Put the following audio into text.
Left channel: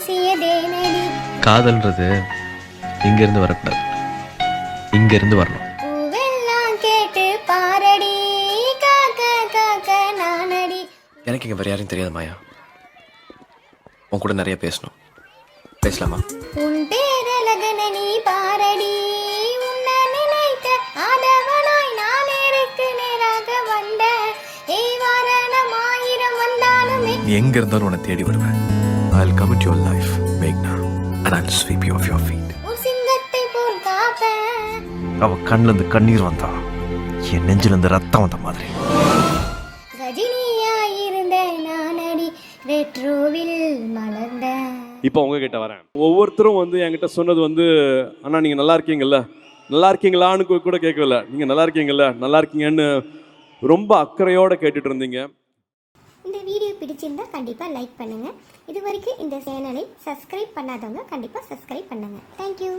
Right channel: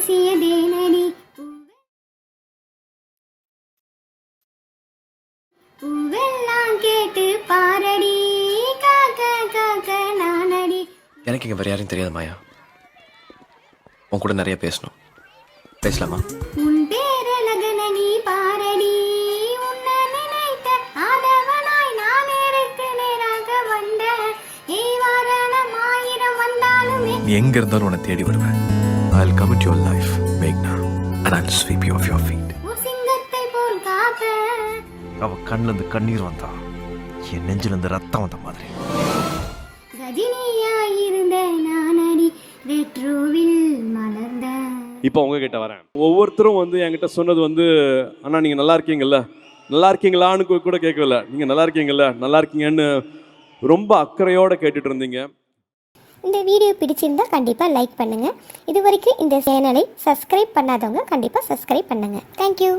பேசியதேனடி. காதல்ன்றது இங்கிருந்து வரக்கூடாது, இங்கிருந்து வரணும். பூவெல்லாம் கேட்டு பாரடி, காக்க காக்க நானடி. எனக்கு இங்கே வேறு யாரையும் தெரியாது மாயா. உன் கூட நிறைய பேசணும். பேசலாமா? உன் பேரழகுன நீ பாரடி, உன்னை நினைத்த ஆதவனாய் நான் நேருக்கு நேராக வந்த தேவாரணம் 1000 வந்தாலுமே. நீ எங்கே இருந்தாலும் உன்னை தேடி வருவேன். I'll come into your life, Meghna, and I'll sweep you off your feet. உன் சிங்கத்தை போல் காப்ப. அவ கண்ணிலேருந்து கண்ணீர் வந்தா என் நெஞ்சிலேருந்து ரத்தம் வந்த மாதிரி. கஜினியாயிருந்த நானடி, ரெட்ரோவில் மலர்ந்த. இப்போ உங்ககிட்ட வரேன். ஒவ்வொருத்தரும் வந்து என்கிட்ட சொன்னது வந்து, அண்ணா நீங்கள் நல்லா இருக்கீங்கல்ல, நல்லா இருக்கீங்களான்னு கூட கேட்கல, நீங்கள் நல்லா இருக்கீங்கல்ல, நல்லா இருக்கீங்கன்னு ரொம்ப அக்கறையோடு கேட்டுட்டு இருந்தீங்க. இந்த வீடியோ பிடிச்சிருந்தா கண்டிப்பாக லைக் பண்ணுங்கள். இது வரைக்கும் இந்த சேனலை சப்ஸ்கிரைப் பண்ணாதவங்க கண்டிப்பாக சப்ஸ்கிரைப் பண்ணுங்கள். தேங்க்யூ.